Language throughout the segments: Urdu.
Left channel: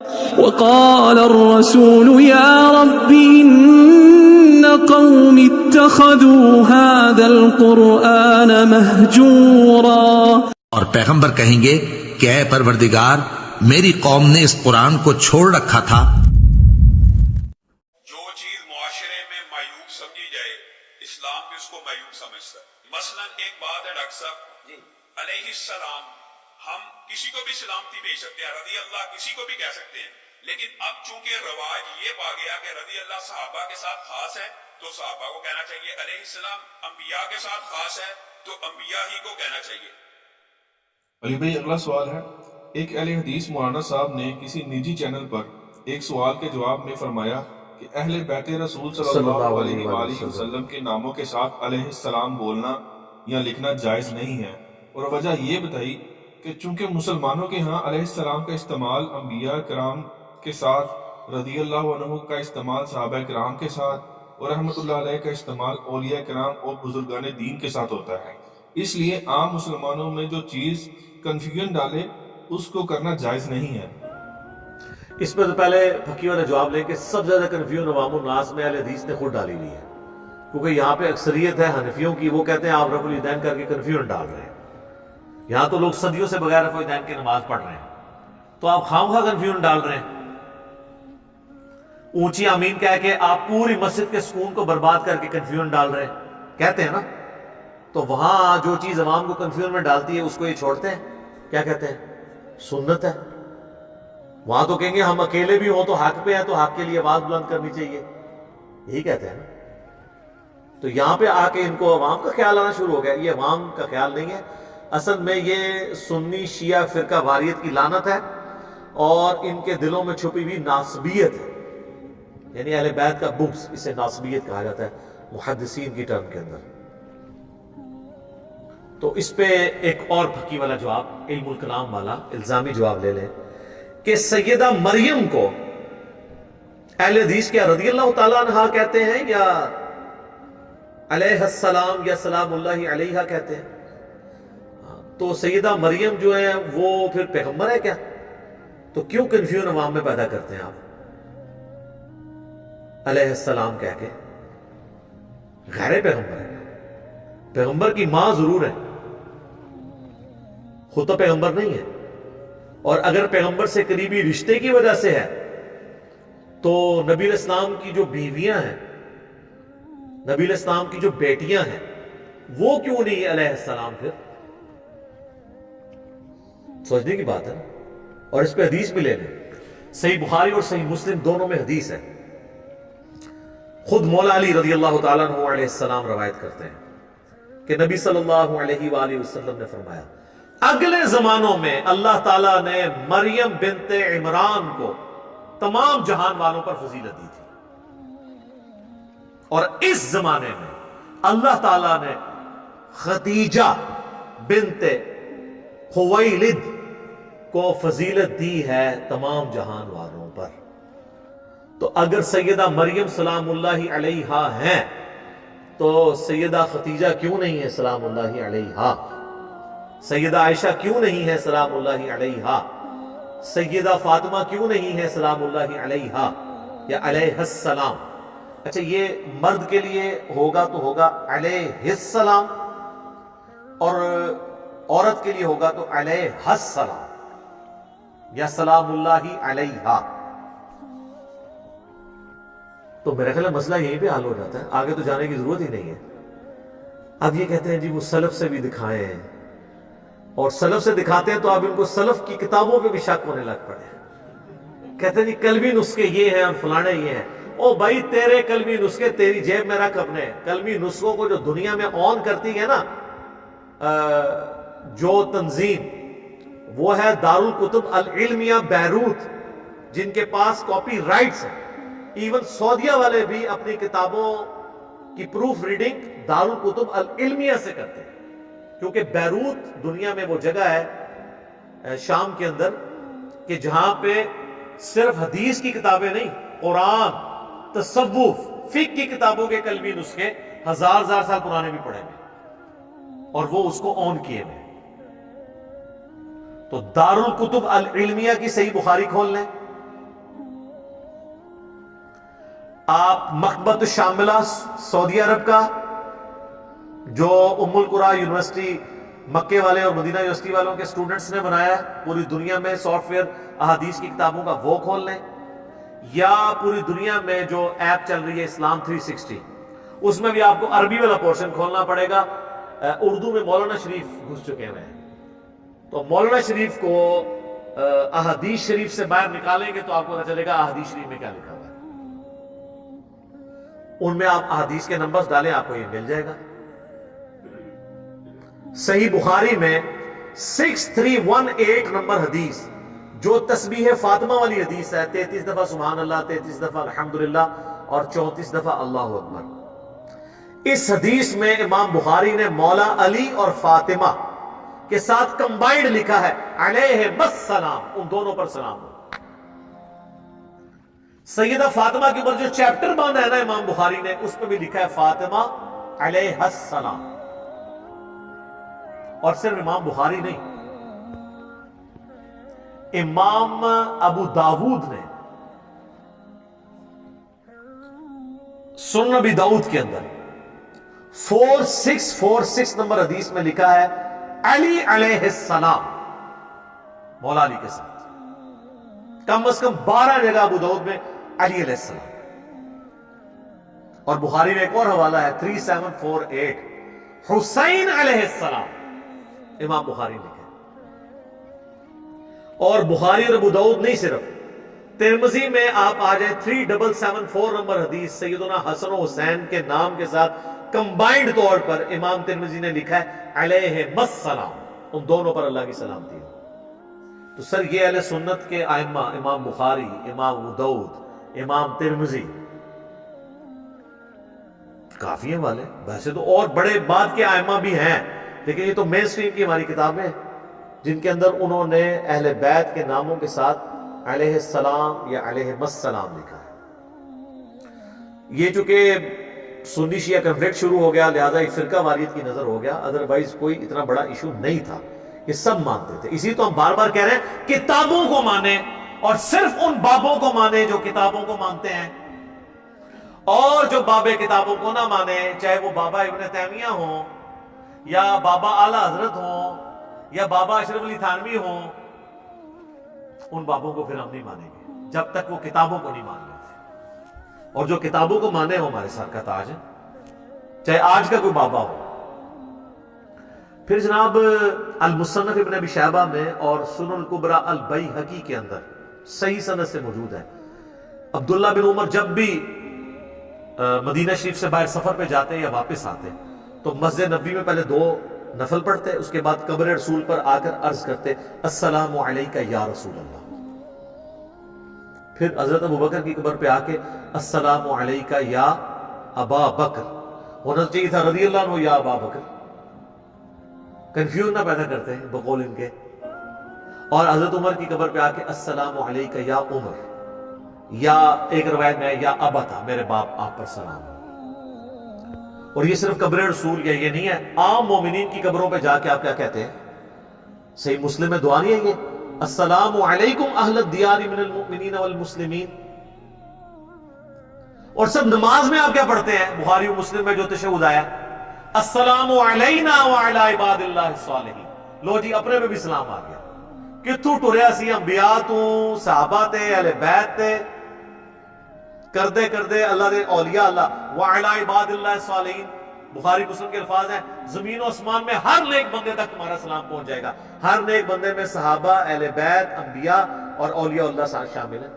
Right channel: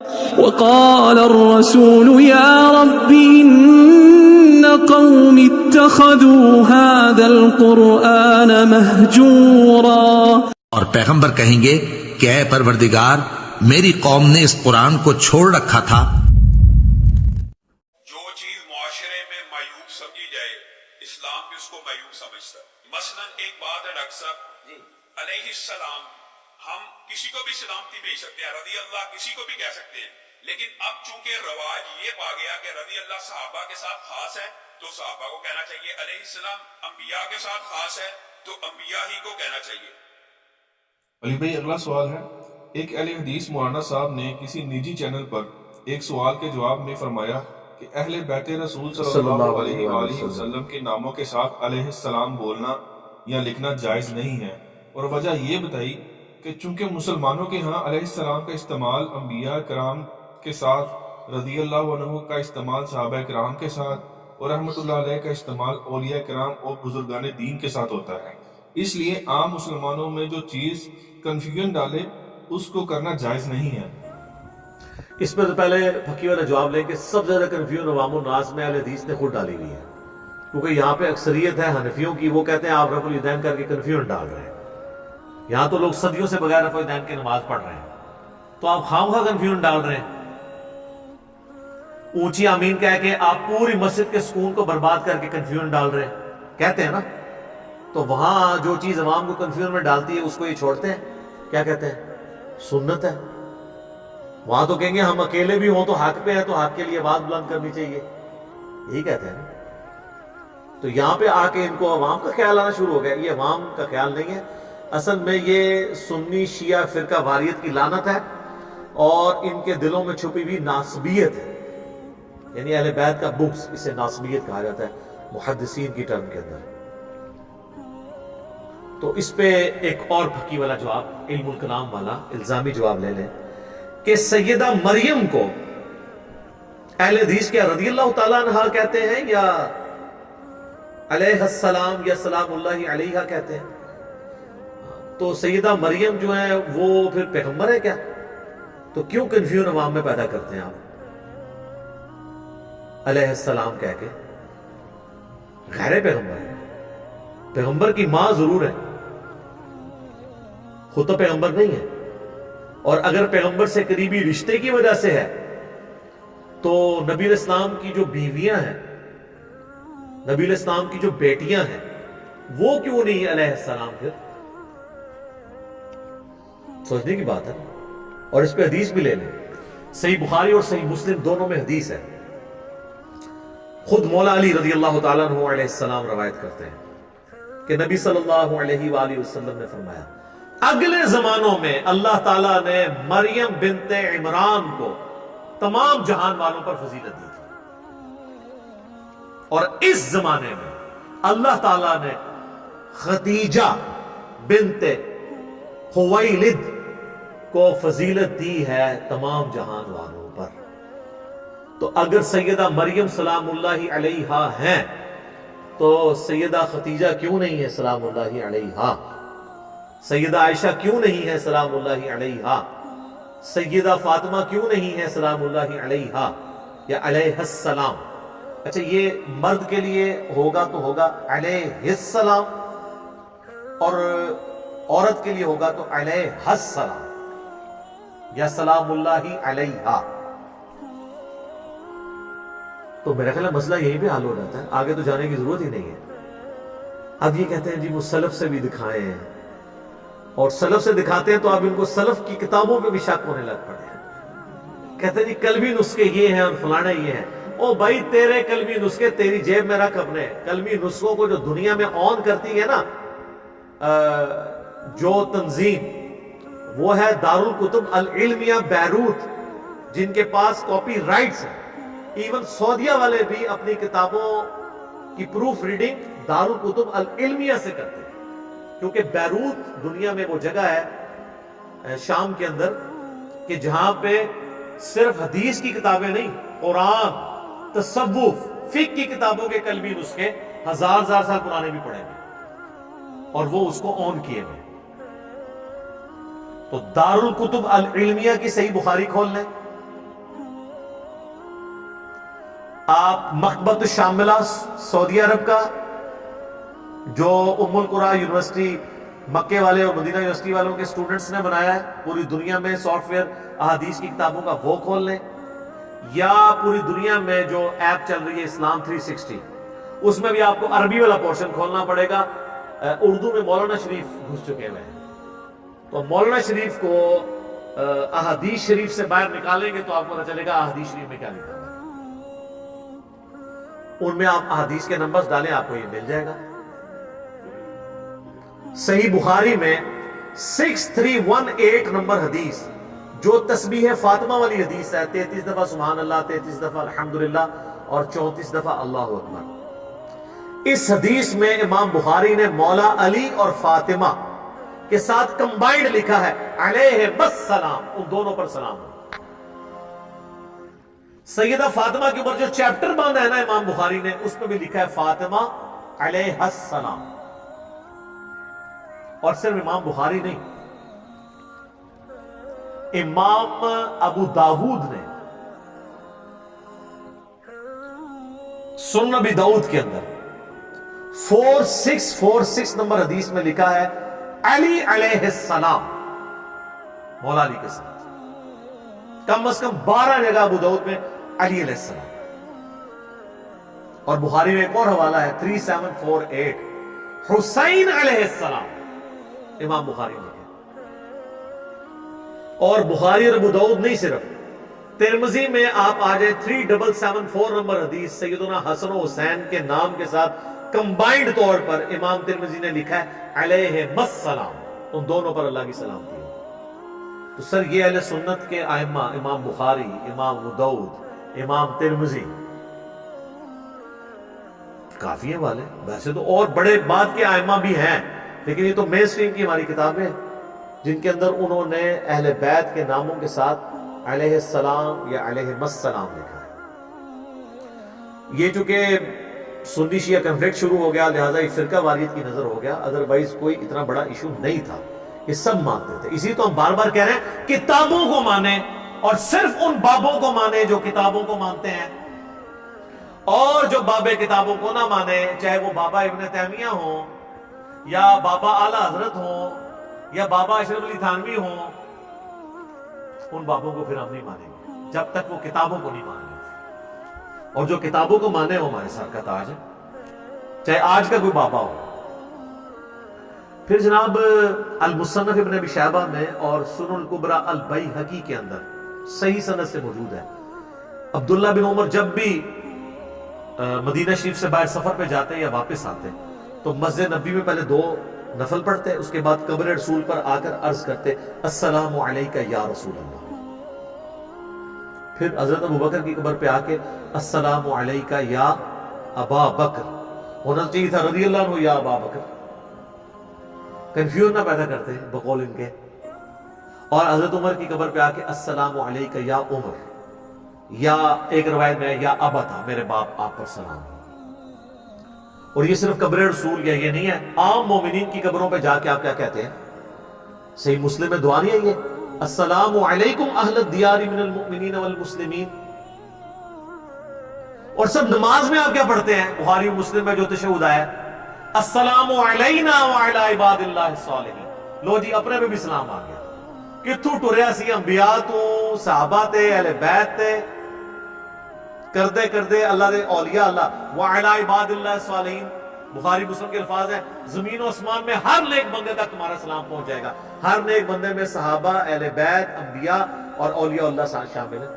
وقال الرسول يا رب إن قوم اتخذوا هذا القرآن مهجورا، اور پیغمبر کہیں گے کہ اے پروردگار میری قوم نے اس قرآن کو چھوڑ رکھا تھا۔ جو چیز معاشرے میں معیوب سمجھی جائے اسلام بھی اس کو معیوب سمجھتا ہے۔ مثلا ایک بات ہے ڈاکٹر صاحب، علیہ السلام ہم کسی کو بھی سلامتی بھیج سکتے ہیں، رضی اللہ کسی کو بھی کہہ سکتے ہیں، لیکن اب چونکہ رواج یہ پا گیا کہ رضی اللہ صحابہ کے ساتھ خاص ہے تو صحابہ کو کہنا چاہیے، علیہ السلام انبیاء کے ساتھ خاص ہے تو انبیاء ہی کو کہنا چاہیے۔ علی بھائی اگلا سوال ہے، ایک اہل حدیث مولانا صاحب نے کسی نجی چینل پر ایک سوال کے جواب میں فرمایا کہ اہل بیت رسول صلی اللہ علیہ وآلہ وسلم کے ناموں کے ساتھ علیہ السلام بولنا یا لکھنا جائز نہیں ہے، اور وجہ یہ بتائی کہ چونکہ مسلمانوں کے ہاں علیہ السلام کا استعمال انبیاء کرام کے ساتھ، رضی اللہ عنہ کا استعمال صحابہ کرام کے ساتھ، اور رحمت اللہ علیہ کا استعمال اولیاء کرام اور بزرگان دین کے ساتھ ہوتا ہے، اس لیے عام مسلمانوں میں جو چیز کنفیوژن ڈالے اس کو کرنا جائز نہیں ہے۔ اس میں تو پہلے پھکی والا جواب لیں کہ سب سے زیادہ کنفیوژن عوام الناس میں اہل حدیث نے خود ڈالی ہوئی ہے، کیونکہ یہاں پہ اکثریت ہے حنفیوں کی، وہ کہتے ہیں آپ رفع الیدین کر کے کنفیوژن ڈال رہے ہیں۔ یہاں تو لوگ صدیوں سے بغیر رفع الیدین کی نماز پڑھ رہے ہیں، تو آپ خواہ کنفیوژن ڈال رہے ہیں۔ اونچی آمین کہہ کے آپ پوری مسجد کے سکون کو برباد کر کے کنفیوژن ڈال رہے ہیں، کہتے ہیں نا، تو وہاں جو چیز عوام کو کنفیوژن میں ڈالتی ہے اس کو یہ چھوڑتے ہیں، کیا کہتے ہیں؟ سنت ہے۔ وہاں تو کہیں گے ہم اکیلے بھی ہوں تو حق پہ ہیں تو حق کے لیے آواز بلند کرنی چاہیے، یہی کہتے ہیں نا۔ تو یہاں پہ آ کے ان کو عوام کا خیال آنا شروع ہو گیا، یہ عوام کا خیال نہیں ہے، اصل میں یہ سنی شیعہ فرقہ واریت کی لعنت ہے اور ان کے دلوں میں چھپی ہوئی ناسبیت ہے، یعنی اہل بیت کا بغض، اسے ناسبیت کہا جاتا ہے محدثین کی ٹرم کے اندر۔ تو اس پہ ایک اور پھکی والا جواب، علم الکلام والا الزامی جواب لے لیں کہ سیدہ مریم کو اہل حدیث کیا رضی اللہ تعالیٰ عنہ کہتے ہیں یا علیہ السلام یا سلام اللہ علیہ کہتے ہیں؟ تو سیدہ مریم جو ہیں وہ پھر پیغمبر ہے کیا؟ تو کیوں کنفیوژن عوام میں پیدا کرتے ہیں آپ علیہ السلام کہہ کے؟ غیر پیغمبر ہے، پیغمبر کی ماں ضرور ہے، خود تو پیغمبر نہیں ہے، اور اگر پیغمبر سے قریبی رشتے کی وجہ سے ہے تو نبی علیہ السلام کی جو بیویاں ہیں، نبی علیہ السلام کی جو بیٹیاں ہیں، وہ کیوں نہیں علیہ السلام؟ پھر سوچنے کی بات ہے، اور اس پہ حدیث بھی لے لیں، صحیح بخاری اور صحیح مسلم دونوں میں حدیث ہے، خود مولا علی رضی اللہ تعالیٰ عنہ علیہ السلام روایت کرتے ہیں کہ نبی صلی اللہ علیہ وآلہ وسلم نے فرمایا اگلے زمانوں میں اللہ تعالیٰ نے مریم بنت عمران کو تمام جہان والوں پر فضیلت دی تھی، اور اس زمانے میں اللہ تعالیٰ نے خدیجہ بنت خویلد کو فضیلت دی ہے تمام جہان والوں پر۔ تو اگر سیدہ مریم سلام اللہ علیہا ہیں تو سیدہ خدیجہ کیوں نہیں ہے سلام اللہ علیہا؟ سیدہ عائشہ کیوں نہیں ہے سلام اللہ علیہا؟ سیدہ فاطمہ کیوں نہیں ہے سلام اللہ علیہا یا علیہ السلام؟ اچھا یہ مرد کے لیے ہوگا تو ہوگا علیہ السلام، اور عورت کے لیے ہوگا تو علیہ السلام یا سلام اللہ علیہا۔ تو میرا خیال ہے مسئلہ یہیں پہ حل ہو جاتا ہے، آگے تو جانے کی ضرورت ہی نہیں ہے۔ اب یہ کہتے ہیں جی وہ سلف سے بھی دکھائیں، اور سلف سے دکھاتے ہیں تو اب ان کو سلف کی کتابوں پہ بھی شک ہونے لگ پڑے ہیں، کہتے ہیں جی قلبی نسخے یہ ہیں اور فلانے یہ ہیں۔ او بھائی تیرے قلبی نسخے تیری جیب میں رکھ، اپنے قلبی نسخوں کو جو دنیا میں آن کرتی ہے نا جو تنظیم، وہ ہے دارالکتب العلمیہ بیروت، جن کے پاس کاپی رائٹس ہیں۔ ایون سعودیہ والے بھی اپنی کتابوں کی پروف ریڈنگ دارالکتب العلمیہ سے کرتے ہیں، کیونکہ بیروت دنیا میں وہ جگہ ہے شام کے اندر کہ جہاں پہ صرف حدیث کی کتابیں نہیں، قرآن، تصوف، فقہ کی کتابوں کے قلبی نسخے ہزار سال پرانے بھی پڑے ہیں، اور وہ اس کو آن کیے ہوئے۔ تو دارالکتب العلمیہ کی صحیح بخاری کھول لیں، آپ مکتبۃ الشاملہ سعودی عرب کا، جو ام القرا یونیورسٹی مکے والے اور مدینہ یونیورسٹی والوں کے سٹوڈنٹس نے بنایا ہے، پوری دنیا میں سافٹ ویئر احادیث کی کتابوں کا، وہ کھول لیں، یا پوری دنیا میں جو ایپ چل رہی ہے اسلام 360، اس میں بھی آپ کو عربی والا پورشن کھولنا پڑے گا۔ اردو میں مولانا شریف گھس چکے ہوئے ہیں، تو مولانا شریف کو احادیث شریف سے باہر نکالیں گے تو آپ کو پتہ چلے گا احادیث شریف میں کیا لکھا ہوا ہے۔ ان میں آپ احادیث کے نمبرز ڈالیں، آپ کو یہ مل جائے گا۔ صحیح بخاری میں 6318 نمبر حدیث، جو تسبیح فاطمہ والی حدیث ہے، 33 دفعہ سبحان اللہ، 33 دفعہ الحمدللہ اور 34 دفعہ اللہ اکبر، اس حدیث میں امام بخاری نے مولا علی اور فاطمہ کے ساتھ کمبائنڈ لکھا ہے علیہ السلام، ان دونوں پر سلام ہو۔ سیدہ فاطمہ کے اوپر جو چیپٹر باندھا ہے نا امام بخاری نے، اس میں بھی لکھا ہے فاطمہ علیہ السلام۔ اور صرف امام بخاری نہیں، امام ابو داود نے سنن ابی داؤد کے اندر 4646 نمبر حدیث میں لکھا ہے علی علیہ السلام، مولا علی کے ساتھ کم از کم 12 جگہ ابو داؤد میں علی علیہ السلام۔ اور بخاری میں ایک اور حوالہ ہے 3748 حسین علیہ السلام، امام بخاری نے لکھا۔ اور بخاری اور ابو داؤد نہیں، صرف ترمذی میں آپ آ جائیں 3774 نمبر حدیث، سیدنا حسن و حسین کے نام کے ساتھ کمبائنڈ طور پر امام ترمذی نے لکھا ہے علیہ السلام، ان دونوں پر اللہ کی سلامتی ہو۔ تو سر یہ اہل سنت کے ائمہ، امام بخاری، امام ابو داؤد، امام ترمذی، کافی ہیں والے۔ ویسے تو اور بڑے بعد کے ائمہ بھی ہیں، لیکن یہ تو مین سٹریم کی ہماری کتابیں جن کے اندر انہوں نے اہل بیت کے ناموں کے ساتھ علیہ السلام یا علیہ السلام لکھا ہے۔ یہ چونکہ سنی شیعہ کنفلکٹ شروع ہو گیا، لہٰذا یہ فرقہ واریت کی نظر ہو گیا، ادروائز کوئی اتنا بڑا ایشو نہیں تھا، یہ سب مانتے تھے۔ اسی تو ہم بار بار کہہ رہے ہیں کتابوں کو مانیں، اور صرف ان بابوں کو مانیں جو کتابوں کو مانتے ہیں، اور جو بابے کتابوں کو نہ مانیں، چاہے وہ بابا ابن تیمیہ ہوں، یا بابا اعلی حضرت ہوں، یا بابا اشرف علی تھانوی ہوں، ان بابوں کو پھر ہم نہیں مانیں گے جب تک وہ کتابوں کو نہیں مان لیتے۔ اور جو کتابوں کو مانے وہ ہمارے سر کا تاج ہے، چاہے آج کا کوئی بابا ہو۔ پھر جناب المصنف ابن ابی شیبہ میں اور سنن الکبریٰ البیہقی کے اندر صحیح سند سے موجود ہے، عبداللہ بن عمر جب بھی مدینہ شریف سے باہر سفر پہ جاتے یا واپس آتے تو مسجد نبوی میں پہلے 2 نفل پڑھتے، اس کے بعد قبر رسول پر آ کر عرض کرتے السلام علیکہ یا رسول اللہ۔ پھر حضرت ابو بکر کی قبر پہ آ کے السلام علیکہ یا ابا بکر، ہونا چاہیے تھا رضی اللہ عنہ یا ابا بکر، کنفیوژن نہ پیدا کرتے بقول ان کے۔ اور حضرت عمر کی قبر پہ آ کے السلام علیکہ یا عمر، یا ایک روایت میں یا ابتا، میرے باپ آپ پر سلام۔ اور یہ صرف قبر رسول یا یہ نہیں ہے، عام مومنین کی قبروں پہ جا کے آپ کیا کہتے ہیں؟ صحیح مسلم میں دعا نہیں ہے یہ السلام علیکم اہل الدیار من المؤمنین والمسلمین۔ اور سب نماز میں آپ کیا پڑھتے ہیں؟ بخاری و مسلم میں جو تشہد آیا ہے السلام علینا وعلی عباد اللہ الصالحین۔ لو جی اپنے پہ بھی سلام آ گیا، کتھوں ٹریا سی انبیاء تو، صحابہ تے، اہل بیت تے، کردے کردے اللہ دے اولیاء اللہ وعلی عباد اللہ الصالحین۔ بخاری مسلم کے الفاظ ہیں زمین و آسمان میں ہر نیک بندے تک تمہارا سلام پہنچ جائے گا۔ ہر نیک بندے میں صحابہ، اہل بیت، انبیاء اور اولیاء اللہ شامل ہیں۔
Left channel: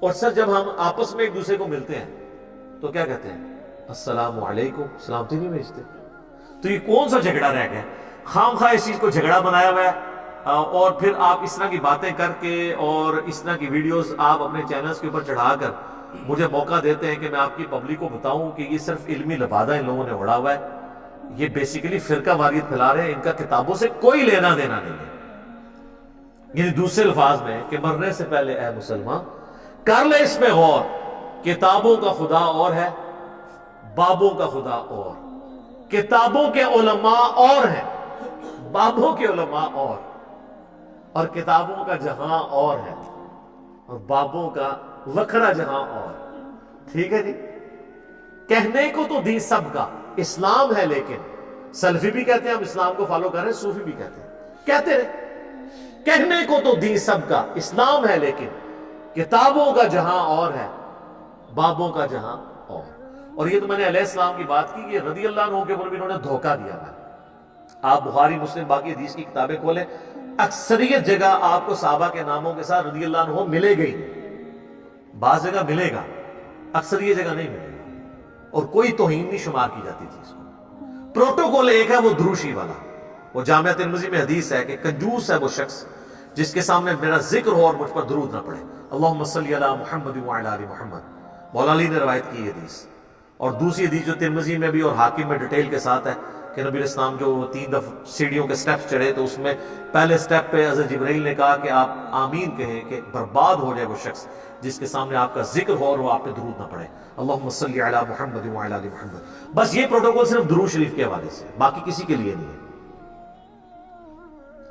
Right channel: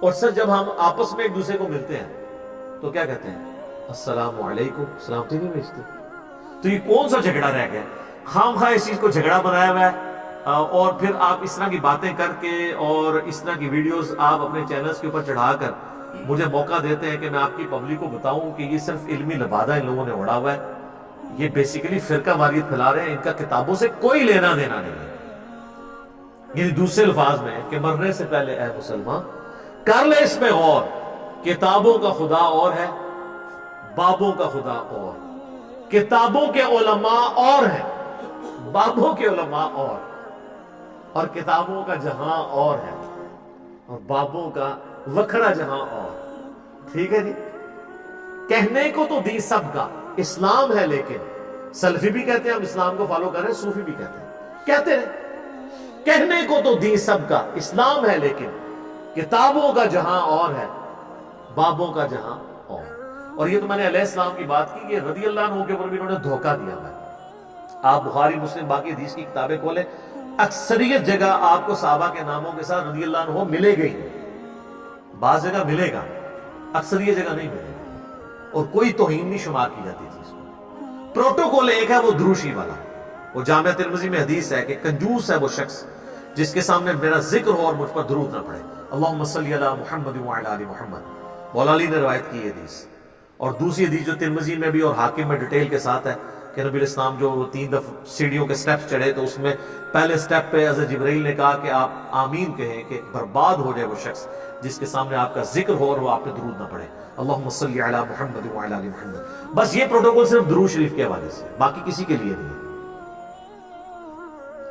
اور سر جب ہم آپس میں ایک دوسرے کو ملتے ہیں تو کیا کہتے ہیں؟ السلام علیکم، سلامتی نہیں بھیجتے۔ تو یہ کون سا جھگڑا رہ گیا؟ خام خواہ اس چیز کو جھگڑا بنایا ہوا ہے، اور پھر آپ اس طرح کی باتیں کر کے اور اس طرح کی ویڈیوز آپ اپنے چینلز کے اوپر چڑھا کر مجھے موقع دیتے ہیں کہ میں آپ کی پبلک کو بتاؤں کہ یہ صرف علمی لبادہ ان لوگوں نے اڑا ہوا ہے، یہ بیسیکلی فرقہ واریت پھیلا رہے ہیں، ان کا کتابوں سے کوئی لینا دینا نہیں ہے۔ یعنی دوسرے الفاظ میں کہ مرنے سے پہلے اے مسلمان کر لے اس پہ غور، کتابوں کا خدا اور ہے، بابوں کا خدا اور، کتابوں کے علماء اور ہیں، بابوں کے علماء اور کتابوں کا جہاں اور ہے، اور بابوں کا وکھرا جہاں اور۔ ٹھیک ہے جی، کہنے کو تو دین سب کا اسلام ہے، لیکن سلفی بھی کہتے ہیں ہم اسلام کو فالو کر رہے ہیں، صوفی بھی کہتے ہیں، کہتے رہے کہنے کو تو دین سب کا اسلام ہے، لیکن کتابوں کا جہاں اور ہے، بابوں کا جہاں اور۔ اور یہ تو میں نے علیہ السلام کی بات کی، یہ رضی اللہ عنہ کے اوپر بھی انہوں نے دھوکہ دیا ہے۔ آپ بخاری مسلم باقی حدیث کی کتابیں کھولیں، اکثریت جگہ آپ کو صحابہ کے ناموں کے ساتھ رضی اللہ عنہ ملے گئی، بعض جگہ ملے گا، اکثریت جگہ نہیں ملے گا، اور کوئی توہین نہیں شمار کی جاتی تھی اس کو۔ پروٹوکول ایک ہے وہ دروشی والا، وہ جامعہ ترمذی میں حدیث ہے کہ کنجوس ہے وہ شخص جس کے سامنے میرا ذکر ہو اور مجھ پر درود نہ پڑے، اللہم صلی علی محمد وعلی آل محمد۔ مولا علی نے روایت کی حدیث، اور دوسری حدیث جو ترمذی میں بھی اور حاکم میں ڈیٹیل کے ساتھ ہے کہ نبی علیہ السلام جو 3 دفعہ سیڑھیوں کے سٹیپس چڑھے تو اس میں پہلے سٹیپ پہ حضرت جبرائیل نے کہا کہ آپ آمین کہیں کہ برباد ہو جائے وہ شخص جس کے سامنے آپ کا ذکر ہو اور وہ آپ پہ درود نہ پڑے، اللہم صلی علی محمد وعلی آل محمد۔ بس یہ پروٹوکول صرف درود شریف کے حوالے سے، باقی کسی کے لیے نہیں ہے۔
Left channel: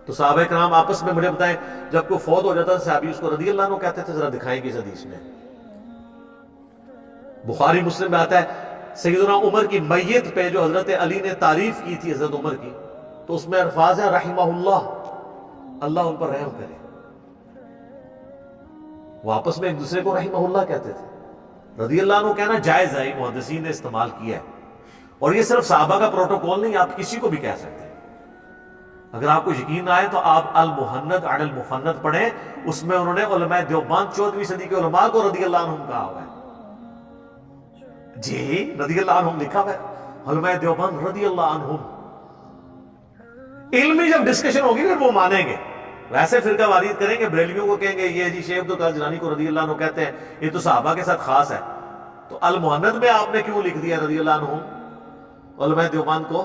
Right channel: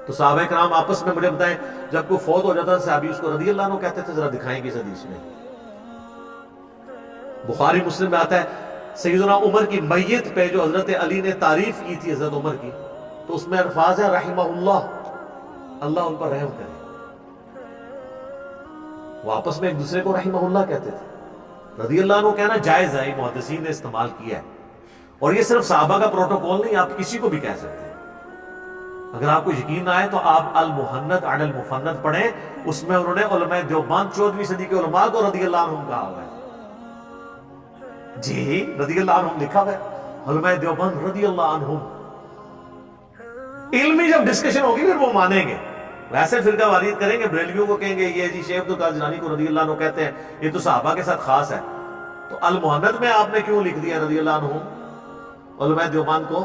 تو صحابہ کرام آپس میں مجھے بتائیں، جب کوئی فوت ہو جاتا تھا صحابی اس کو رضی اللہ عنہ کہتے تھے؟ ذرا دکھائیں گے اس حدیث میں۔ بخاری مسلم میں آتا ہے سیدنا عمر کی میت پہ جو حضرت علی نے تعریف کی تھی حضرت عمر کی، تو اس میں الفاظ ہے رحمہ اللہ، اللہ ان پر رحم کرے۔ وہ آپس میں ایک دوسرے کو رحمہ اللہ کہتے تھے۔ رضی اللہ عنہ کہنا جائز ہے، محدثین نے استعمال کیا ہے، اور یہ صرف صحابہ کا پروٹوکول نہیں، آپ کسی کو بھی کہہ سکتے ہیں۔ اگر آپ کو یقین نہ آئے تو آپ المحند علی المفند پڑھیں، اس میں انہوں نے علماء دیوبند 14ویں صدی کے علماء کو رضی اللہ عنہم کہا ہوا ہے۔ جی رضی اللہ عنہم لکھا ہوا ہے، علماء دیوبند رضی اللہ عنہم۔ علمی جب ڈسکشن ہوگی پھر وہ مانیں گے، ویسے فرقہ واریت کریں گے، بریلویوں کو کہیں گے یہ جی شیخ عبد القادر جیلانی کو رضی اللہ عنہ کہتے ہیں، یہ تو صحابہ کے ساتھ خاص ہے، تو المحند میں آپ نے کیوں لکھ دیا رضی اللہ عنہم؟ علماء دیوبند کو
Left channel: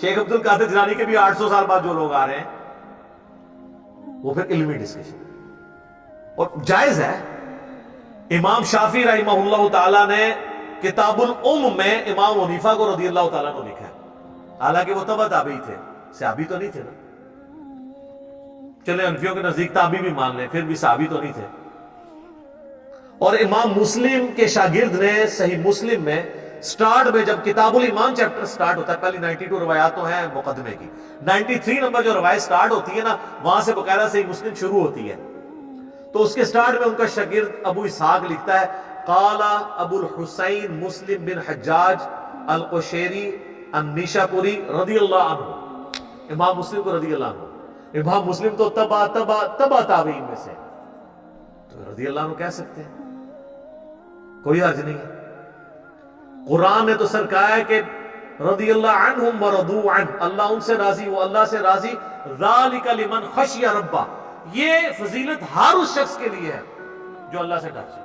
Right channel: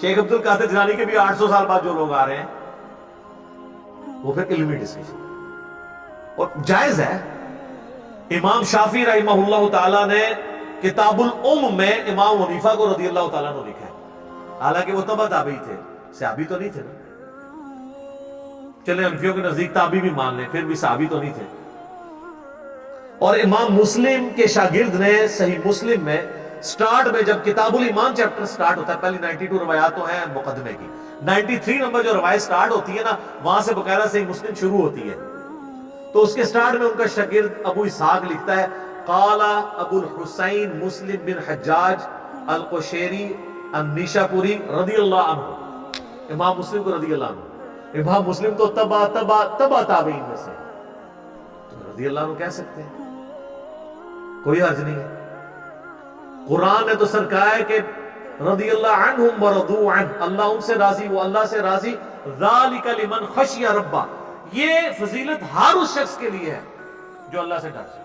شیخ عبد القادر جیلانی کے بھی 800 سال بعد جو لوگ آ رہے ہیں، وہ پھر علمی ڈسکشن اور جائز ہے۔ امام شافعی رحمہ اللہ تعالی نے کتاب الام میں امام حنیفہ کو رضی اللہ تعالیٰ نے لکھا ہے، حالانکہ وہ تبع تابعی تھے، صحابی تو نہیں تھے نا، چلیں حنفیوں کے نزدیک تابعی بھی مان لیں، پھر بھی صحابی تو نہیں تھے۔ اور امام مسلم کے شاگرد نے صحیح مسلم میں سٹارٹ میں جب کتاب الایمان چیپٹر سٹارٹ ہوتا ہے، پہلی 92 روایات تو ہیں مقدمے کی، 93 نمبر جو روایت سٹارٹ ہوتی ہے نا، وہاں سے باقاعدہ صحیح مسلم شروع ہوتی ہے، تو اس کے سٹارٹ میں ان کا شاگرد ابو اسحاق لکھتا ہے قال ابو الحسین مسلم بن حجاج القشیری النیشاپوری رضی اللہ عنہ۔ امام مسلم کو رضی اللہ عنہ، امام مسلم تو تبع تابعین میں سے، تو رضی اللہ عنہ کہہ سکتے ہیں، کوئی حرج نہیں ہے۔ قرآن نے تو سر کہا ہے کہ رضی اللہ عنہم ورضوا عنہ، اللہ ان سے راضی، وہ اللہ سے راضی، ذالک لمن خشی ربہ، یہ فضیلت ہر اس شخص کے لیے ہے جو اللہ سے ڈر جائے۔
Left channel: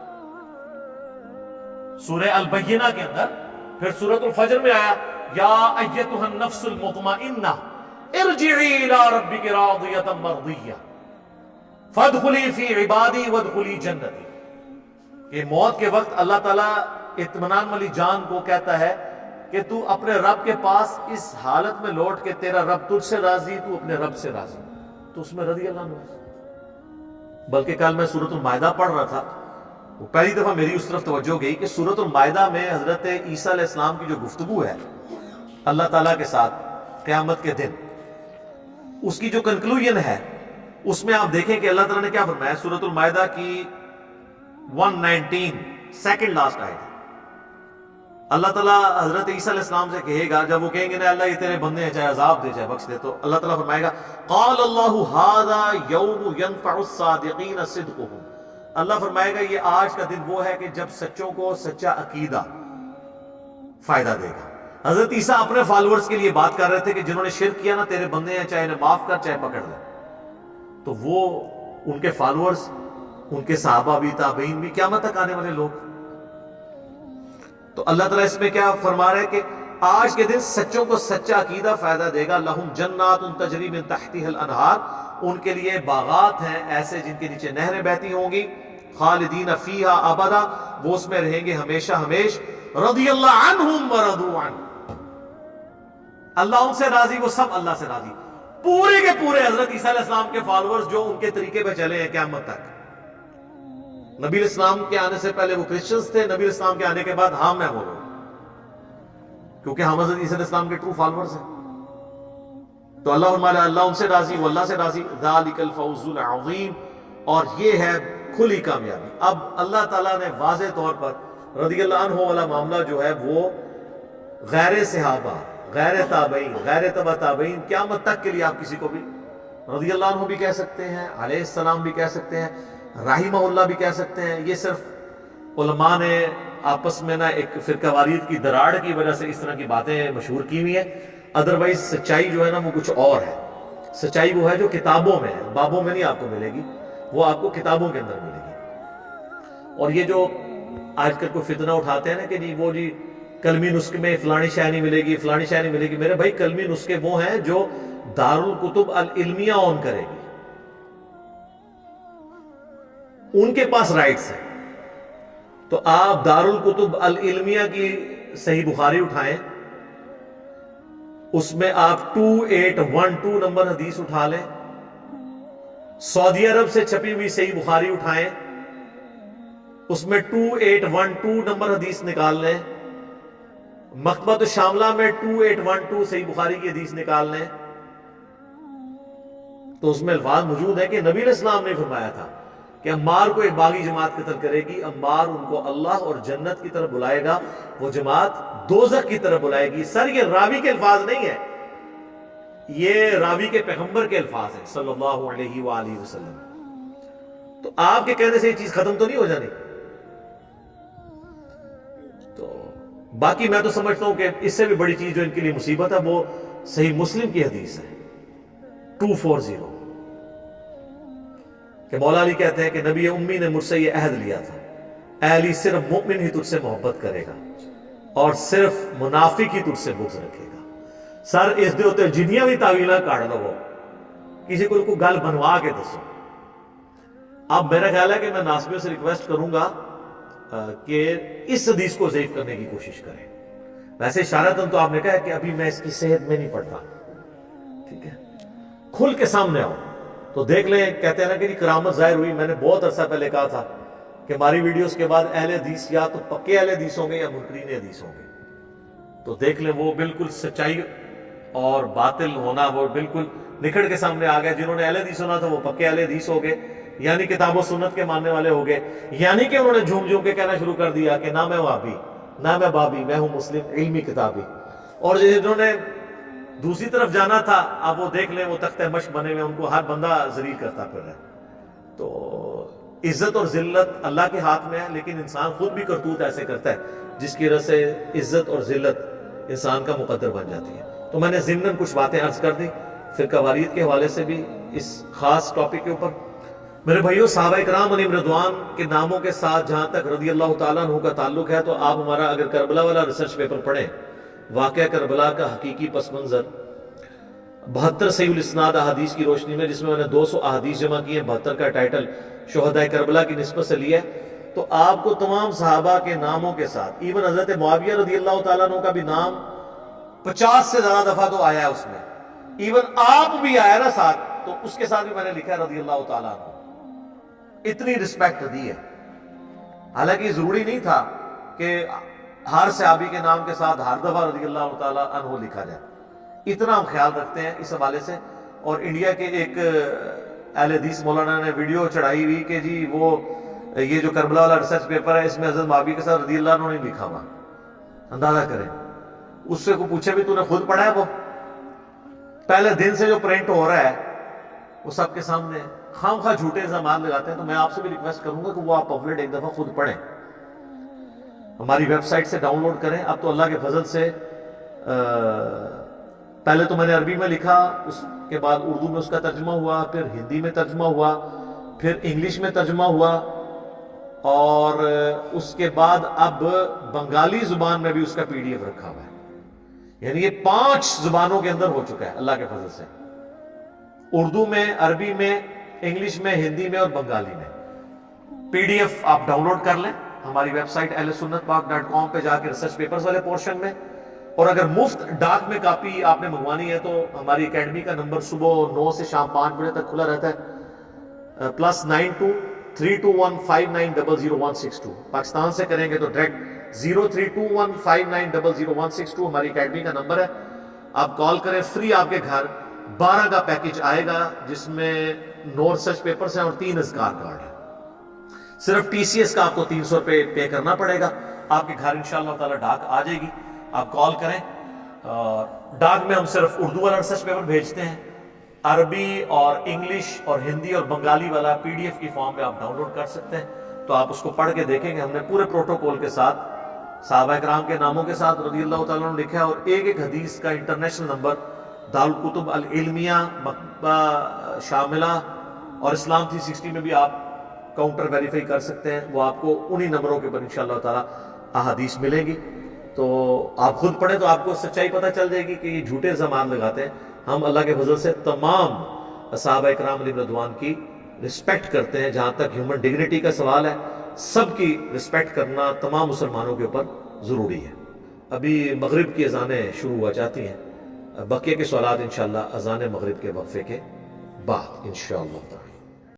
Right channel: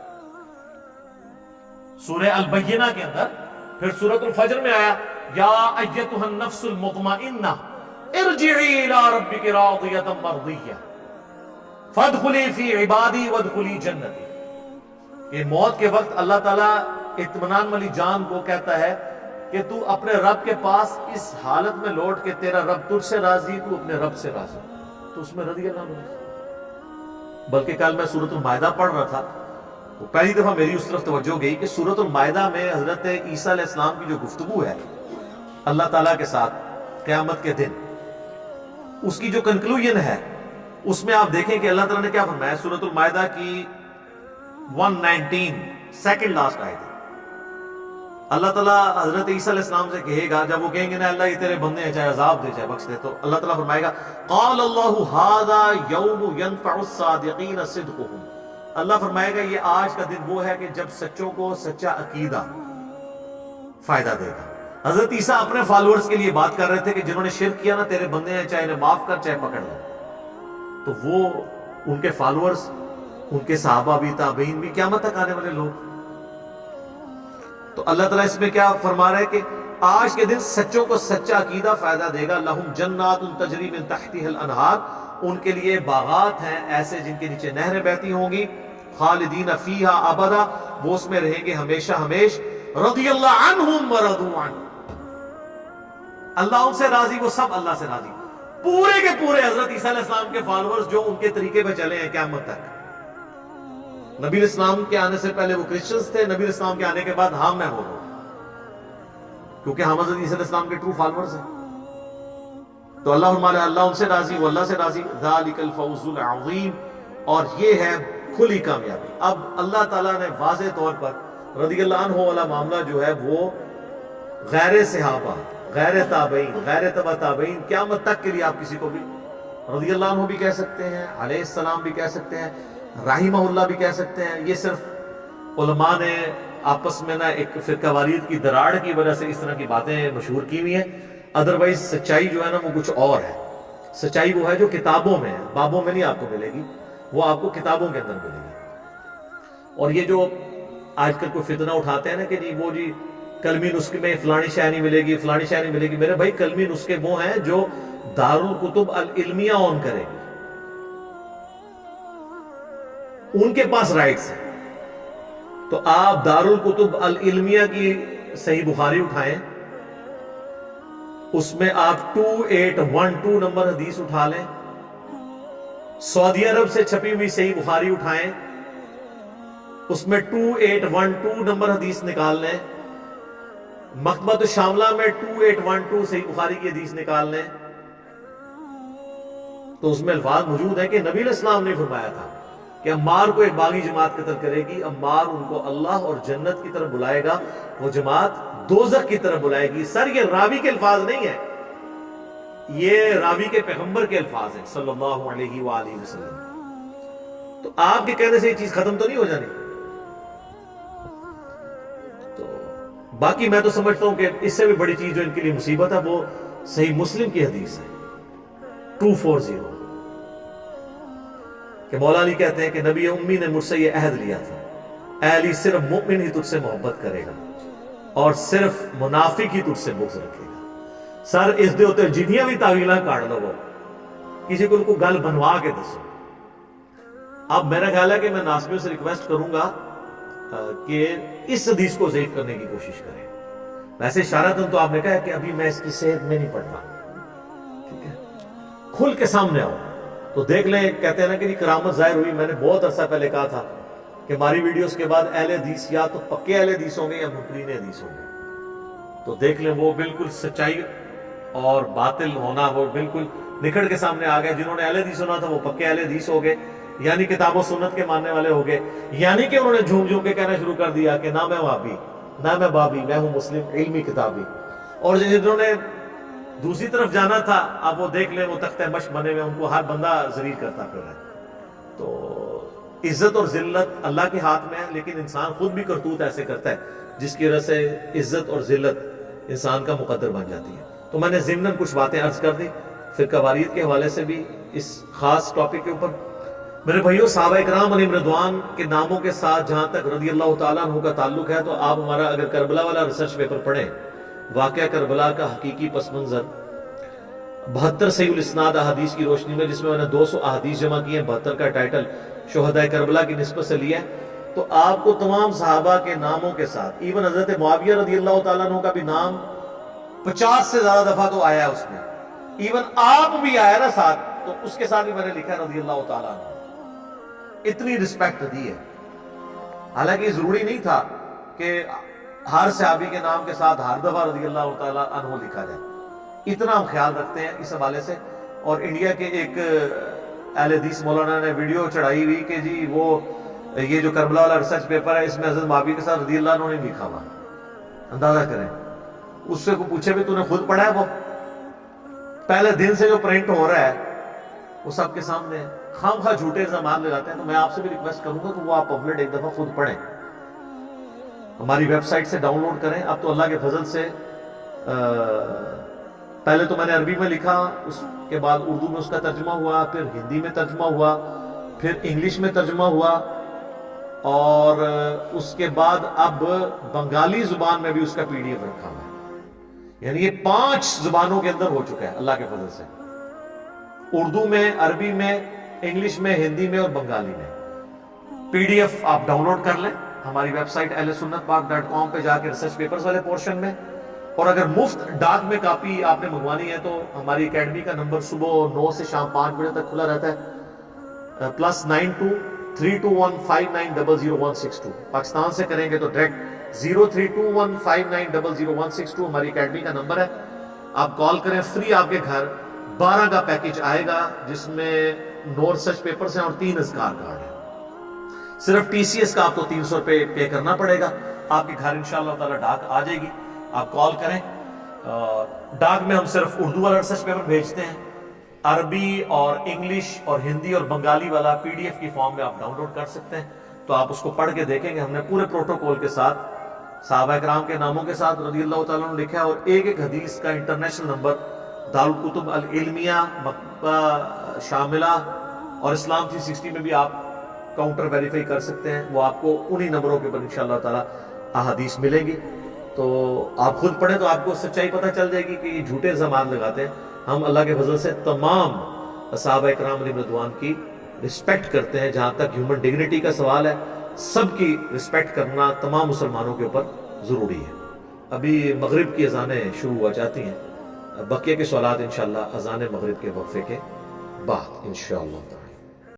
سورہ البینہ کے اندر پھر سورۃ الفجر میں آیا یا ایتھا النفس المطمئنہ ارجعی الی ربک راضیۃ مرضیہ فادخلی فی عبادی وادخلی جنتی۔ کہ موت کے وقت اللہ تعالیٰ اطمینان والی جان کو کہتا ہے کہ تو اپنے رب کے پاس اس حالت میں لوٹ کہ تیرا رب تجھ سے راضی، تو اپنے رب سے راضی، تو اس میں رضی اللہ عنہ۔ بلکہ کل میں سورۃ المائدہ پڑھ رہا تھا، وہ پہلی دفعہ میری اس طرف توجہ گئی کہ سورۃ المائدہ میں حضرت عیسیٰ علیہ السلام کی جو گفتگو ہے اللہ تعالیٰ کے ساتھ قیامت کے دن، اس کی جو کنکلوژن ہے، اس میں آپ دیکھیں کہ اللہ تعالیٰ نے کیا فرمایا۔ سورۃ المائدہ کی 119 سیکنڈ لاسٹ آیت ہے، اللہ تعالیٰ حضرت عیسیٰ علیہ السلام سے کہے گا، جب وہ کہیں گے نا اللہ یہ تیرے بندے ہیں، چاہے عذاب دے چاہے بخش دے، تو اللہ تعالیٰ فرمائے گا قال اللہ ھذا یوم ینفع الصادقین صدقہم، اللہ فرمائے گا یہ آج کا دن وہ ہے کہ جب سچوں کو سچا عقیدہ فائدہ دے گا۔ حضرت عیسیٰ اپنے فالورز کے لیے بات کر رہے تھے کہ جنہوں نے شرک کیا نا تیرے بندے ہیں، چاہے انہیں معاف کر چاہے پکڑ لے، تو وہ ان کے فالورز، ان کے صحابہ بھی، تابعین بھی، قیامت تک آنے والے لوگ۔ تو اللہ تعالیٰ اس میں کیا فرما رہا ہے کہ آج کے دن سچوں کو سچا عقیدہ فائدہ دے گا۔ لہم جنات تجری من تحتها الانہار، ان کے لیے باغات ہیں ایسے جن کے نیچے نہریں بہتی ہوں گی، خالدین فیہا ابدا، وہ اس میں رہیں گے ہمیشہ ہمیش، رضی اللہ عنہم ورضوا عنہ، اللہ ان سے راضی، وہ سب اللہ سے راضی، پورے کے پورے حضرت عیسیٰ علیہ السلام کے فالورز جو ان کے طریقے پہ چلے ہیں قیامت تک۔ نبی علیہ السلام کے آنے سے پہلے وہ کرسچنز تھے، نبی علیہ السلام کے آنے کے بعد ہم میں بولو، کیونکہ ہم حضرت عیسیٰ علیہ السلام کے ٹرو فالورز ہیں. تو اللہ فرمایا اللہ ان سے راضی، وہ اللہ سے راضی. ذالک الفوز العظیم، اور یہ ہے کھلی کامیابی. اب اللہ تعالیٰ نے واضح طور پر رضی اللہ عنہ والا معاملہ جو ہے وہ غیر صحابہ، غیر تابعین، غیر تبع تابعین، قیامت تک کے لیے آپ کسی کو بھی رضی اللہ عنہ بھی کہہ سکتے ہیں، علیہ السلام بھی کہہ سکتے ہیں، رحمہ اللہ بھی کہہ سکتے ہیں. یہ صرف علماء نے آپس میں نا ایک فرقہ واریت کی دراڑ کی وجہ سے اس طرح کی باتیں مشہور کی ہوئی ہیں. ادروائز سچائی جو ہے نا وہ کچھ اور ہے. سچائی وہ ہے جو کتابوں میں ہے، بابوں میں نہیں آپ کو ملے گی، وہ آپ کو کتابوں کے اندر ملے گی. اور یہ جو آج کل کوئی فتنہ اٹھاتے ہیں نا کہ جی وہ جی کلمی نسخے میں فلانی شے نہیں ملے گی، فلانی شے نہیں ملے گی. میرے بھائی کلمی نسخے وہ ہیں جو دارالکتب العلمیہ اون کرے گی، ان کے پاس رائٹس ہیں. تو آپ دارالکتب العلمیہ کی صحیح بخاری اٹھائیں، اس میں آپ 2812 نمبر حدیث اٹھا لیں. سعودی عرب سے چھپی ہوئی صحیح بخاری اٹھائیں، اس میں 2812 نمبر حدیث نکال لیں. مکتبۃ الشاملہ میں 2812 صحیح بخاری کی حدیث نکال لیں، تو اس میں الفاظ موجود ہیں کہ نبی علیہ السلام نے فرمایا تھا کہ عمار کو ایک باغی جماعت قتل کرے گی، عمار ان کو اللہ اور جنت کی طرف بلائے گا، وہ جماعت دوزخ کی طرف بلائے گی. سر یہ راوی کے الفاظ نہیں ہیں، یہ راوی کے پیغمبر کے الفاظ ہیں صلی اللہ علیہ وآلہ وسلم. تو آپ کے کہنے سے یہ چیز ختم تو نہیں ہو جانی. تو باقی میں تو سمجھتا ہوں کہ اس سے بھی بڑی چیز جو ان کے لیے مصیبت ہے وہ صحیح مسلم کی حدیث ہے 240 کہ مولا علی کہتے ہیں کہ نبی امی نے مجھ سے یہ عہد لیا تھا، اے علی صرف مومن ہی تجھ سے محبت کرے گا اور صرف منافق ہی تجھ سے بغض رکھے گا. سر اس دے ہوتے جنیاں بھی تعویلاں کاٹ لو، کسی کو گل بنوا کے دسو. اب میرا خیال ہے کہ میں ناصبیوں سے ریکویسٹ کروں گا کہ اس حدیث کو ضعیف کرنے کی کوشش کریں. ویسے اشارتاً تو آپ نے کہا ہے کہ ابھی میں اس کی صحت میں نہیں پڑھتا، ٹھیک ہے، کھل کے سامنے آؤ تو دیکھ لیں. کہتے ہیں نا کہ جی کرامت ظاہر ہوئی. میں نے بہت عرصہ پہلے کہا تھا کہ ہماری ویڈیوز کے بعد اہل حدیث یا تو پکے اہل حدیث ہوں گے یا منکرین حدیث ہوں گے. تو دیکھ لیں وہ بالکل سچائی اور باطل ہونا وہ بالکل نکھڑ کے سامنے آ گیا. جنہوں نے اہل حدیث ہونا تھا وہ پکے اہل حدیث ہو گئے، یعنی کتاب و سنت کے ماننے والے ہو گئے. یعنی کہ انہوں نے جھوم جھوم کے کہنا شروع کر دیا کہ نہ میں وہابی، نہ میں بابی، میں ہوں مسلم علمی کتابی. اور جنہوں نے دوسری طرف جانا تھا اب وہ دیکھ لیں وہ تختہ مشق بنے ہوئے، ان کو ہر بندہ ذلیل کرتا پھر رہا ہے. تو عزت اور ذلت اللہ کے ہاتھ میں ہے، لیکن انسان خود بھی کرتوت ایسے کرتا ہے جس کی وجہ سے عزت اور ذلت انسان کا مقدر بن جاتی ہے. تو میں نے ضمناً کچھ باتیں عرض کر دی فرقہ واریت کے حوالے سے بھی اس خاص ٹاپک کے اوپر. میرے بھائیو صحابہ اکرام علیہم رضوان کے ناموں کے ساتھ جہاں تک رضی اللہ تعالیٰ عنہ کا تعلق ہے تو آپ ہمارا اگر کربلا والا ریسرچ پیپر پڑھیں، واقعہ کربلا کا حقیقی پس منظر 72 صحیح الاسناد احادیث کی روشنی میں، جس میں نے 200 احادیث جمع کی ہیں، 72 کا ٹائٹل شہداء کربلا کی نسبت سے لیا ہے، تو آپ کو تمام صحابہ کے ناموں کے ساتھ ایون حضرت معاویہ رضی اللہ تعالیٰ عنہ کا بھی نام 50 سے زیادہ دفعہ تو آیا ہے اس میں، ایون آپ بھی آیا نا ساتھ، تو اس کے ساتھ بھی میں نے لکھا ہے رضی اللہ تعالیٰ عنہ. اتنی رسپیکٹ دی ہے. حالانکہ یہ ضروری نہیں تھا کہ ہر صحابی کے نام کے ساتھ ہر دفعہ رضی اللہ تعالیٰ عنہ لکھا جائے. اتنا ہم خیال رکھتے ہیں اس حوالے سے. اور انڈیا کے ایک اہل حدیث مولانا نے ویڈیو چڑھائی ہوئی کہ جی وہ یہ جو کربلا والا ریسرچ پیپر ہے اس میں حضرت معاویہ کے ساتھ رضی اللہ عنہ نے لکھا ہوا. اندازہ کریں، اس سے کو پوچھے بھی تو نے خود پڑھا ہے؟ وہ پہلے دن سے جو پرنٹ ہو رہا ہے وہ سب کے سامنے ہے. خام خواہ جھوٹے الزامات لگاتے ہیں. تو میں آپ سے بھی ریکویسٹ کروں گا کہ وہ آپ پمفلٹ ایک دفعہ خود پڑھیں، ہماری ویب سائٹ سے ڈاؤن لوڈ کریں. اب تو اللہ کے فضل سے پہلے تو میں نے عربی میں لکھا، اس کے بعد اردو میں اس کا ترجمہ ہوا، پھر ہندی میں ترجمہ ہوا، پھر انگلش میں ترجمہ ہوا، اور اس کے بعد اب بنگالی زبان میں بھی اس کا PDF رکھا ہوا ہے. یعنی یہ 5 زبانوں کے اندر ہو چکا ہے اللہ کے فضل سے، اردو میں، عربی میں، انگلش میں، ہندی میں اور بنگالی میں. PDF آپ ڈاؤن لوڈ کر لیں ہماری ویب سائٹ ahlsunnatpak.com پہ جا کے ریسرچ پیپرز والے پورشن میں. اور اگر مفت ڈاک میں کاپی آپ نے منگوانی ہے تو ہماری اکیڈمی کا نمبر صبح 9 سے شام 5 بجے تک کھلا رہتا ہے، +92 032159000162. پاکستان سے کریں گے تو ڈائریکٹ 032159000162 ہماری اکیڈمی کا نمبر ہے. آپ کال کریں, فری آپ کے گھر 12 کا پیکج آئے گا جس میں 9 ریسرچ پیپرز ہیں اور 3 اذکار کارڈ ہیں. صرف ٹی سی ایس کا آپ کو 300 روپے پے کرنا پڑے گا. آپ کے گھر انشاءاللہ تعالی ڈاک آ جائے گی. آپ کال کریں. ڈاک میں ہم صرف اردو والا ریسرچ پیپر بھیجتے ہیں, عربی اور انگلش اور ہندی اور بنگالی والا پی ڈی ایف کی فارم میں آپ ڈاؤن لوڈ کر سکتے ہیں. تو آپ اس کو پڑھ کے دیکھیں گے. ہم نے پورے پروٹوکول کے ساتھ صحابہ کرام کے ناموں کے ساتھ رضی اللہ تعالیٰ عنہ لکھا ہے, اور ایک ایک حدیث کا انٹرنیشنل نمبر دارالکتب العلمیہ شاملہ اور اسلام 360 میں بھی آپ کاؤنٹر ویریفائی کر سکتے ہیں. وہ آپ کو انہی نمبروں کے اوپر انشاءاللہ تعالیٰ احادیث ملیں گی. تو آپ خود پڑھیں تو آپ کو سچائی پتہ چل جائے گی کہ یہ جھوٹے الزامات لگاتے ہیں. ہم اللہ کے فضل سے تمام صحابہ کرام علیہم رضوان کی رسپیکٹ کرتے ہیں. جہاں تک ہیومن ڈگنیٹی کا سوال ہے, سب کی رسپیکٹ کرنا تمام مسلمانوں کے اوپر ضروری ہے. ابھی مغرب کی اذانیں شروع ہوا چاہتی ہیں. بقیہ کے سوالات انشاءاللہ اذان مغرب کے وقفے کے بعد انشاءاللہ تعالی.